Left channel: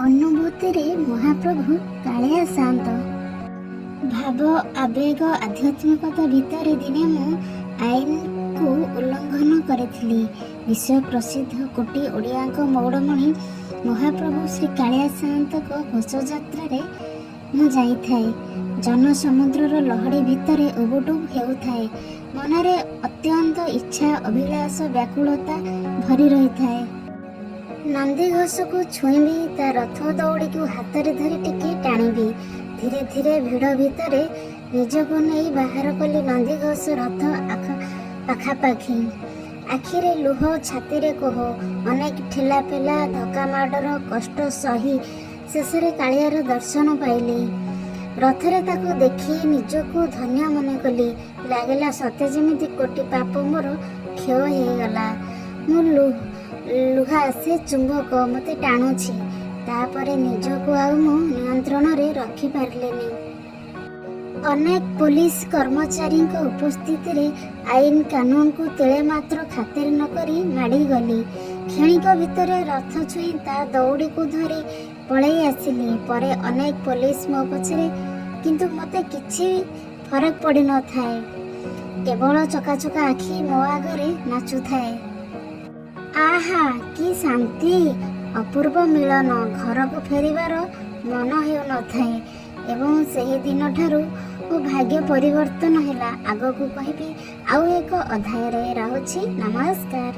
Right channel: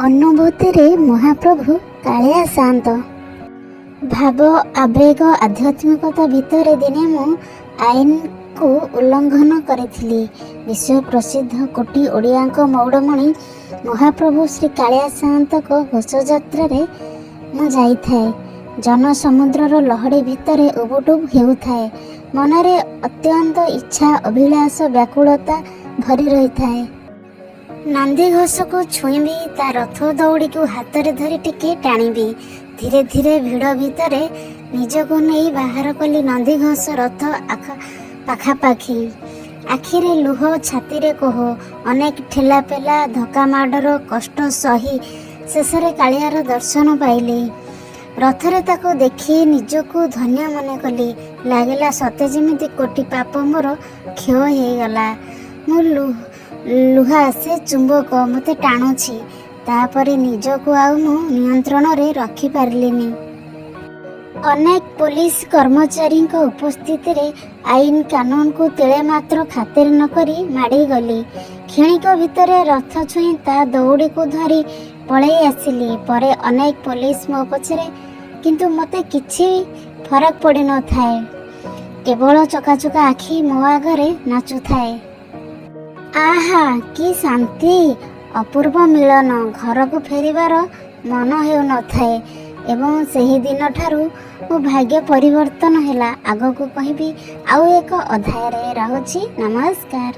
ଅନୁଭୂତିରେ ମହାପ୍ରଭୁ କାଳିଆ ସାନ୍ତ। ଭାବ, ଆବେଗ, ଆଧ୍ୟାତ୍ମିକତା ଭିତରେ ଦିନେ ମୁଁ ଆଇନକୁ ଉଲ୍ଲଙ୍ଘନ କରିଥିଲି। ବିଶ୍ୱ ପ୍ରସିଦ୍ଧ କୋଟି ଓଡ଼ିଆଙ୍କ ମଉଡ଼ମଣି ମହାପ୍ରଭୁ ଶ୍ରୀ କାଳିଆ ସାନ୍ତଙ୍କ ଘୋଷଯାତ୍ରାରେ ମୁଁ ଯାଇଥାଏ। ଜନସମୁଦ୍ରର ଲହଡ଼ି ଭିତରେ ଉବୁଟୁବୁ ହେଉଥାଏ। ମନରେ ଅତ୍ୟନ୍ତ ଇଚ୍ଛା, ଅଭିଳାଷ, ବ୍ୟାକୁଳତା ଭରି ରହିଥାଏ। ନନ୍ଦିଘୋଷକୁ ଛୁଇଁବି, ତା ରଥ ଦଉଡ଼ିକୁ ହାତରେ ଧରି ଟିକେ ଟାଣିବି। ଧୀରେ ଧୀରେ ଭିଡ଼ ଭିତରେ ନିଜକୁ ନେଇ ବାହାର କଲି ନନ୍ଦିଘୋଷ ରଥ ପାଖାପାଖି। ଆଖିରେ ଲୁହ, ଛାତିରେ କୋହ। ଅନେକ ଠେଲାପେଲା, ଧକ୍କା ମାଡ଼ର କଷ୍ଟ ସହି ଶେଷରେ କାଳିଆର ଦର୍ଶନ ପାଇଲି। ରଥରେ ତାକୁ ଦେଖି ନିଜକୁ ଧନ୍ୟ ମନେ କଲି। ଲାଗିଲା ସତେ ଯେମିତି କୋଟି ପାପ ମୋର କ୍ଷୟ ହେଇଗଲା। ମୁଁ ଲୁହା, ସେ ଚୁମ୍ବକ ମୋତେ ଟାଣୁଛି। ତାପରେ ନିଜକୁ ଆଉ ମୁଁ ନିୟନ୍ତ୍ରଣରେ ରଖିପାରିଲିନି। ଅନେକ ପୋଲିସ କର୍ମଚାରୀଙ୍କ ଉପସ୍ଥିତିରେ ଆଇନ କାନୁନକୁ ତିଳେ ମାତ୍ର ଖାତିର ନ କରି ମାଡ଼ିଗଲି। କ୍ଷଣିକ ଭିତରେ ରଥ ଛୁଇଁ ତା ଦଉଡ଼ିକୁ ଧରି ପଳେଇ ଆସିଲି। ପରେ ଅନେକ ପୋଲିସ ମୋ ପଛରେ, କିନ୍ତୁ ମୋତେ କିଛି ଫରକ ପଡ଼ିନଥାଏ। କେବଳ ଚକାଚକା ଆଖି ମୋ ଆଗରେ ନାଚୁଥାଏ। ଆହା, କି ଶାନ୍ତି, ଅପୂର୍ବ ମିଳନ! ଘରକୁ ଫେରିବାର ମନ ହେଉନଥାଏ। ଏବଂ ସେହି ଦିନଠାରୁ ମୋ ଭାଗ୍ୟ ପରିବର୍ତ୍ତନ ହେଲା। ଆଗକୁ କହିବି ଆଉ ଏକ ଅଧ୍ୟାୟରେ। ରହୁଛି, ନମସ୍କାର।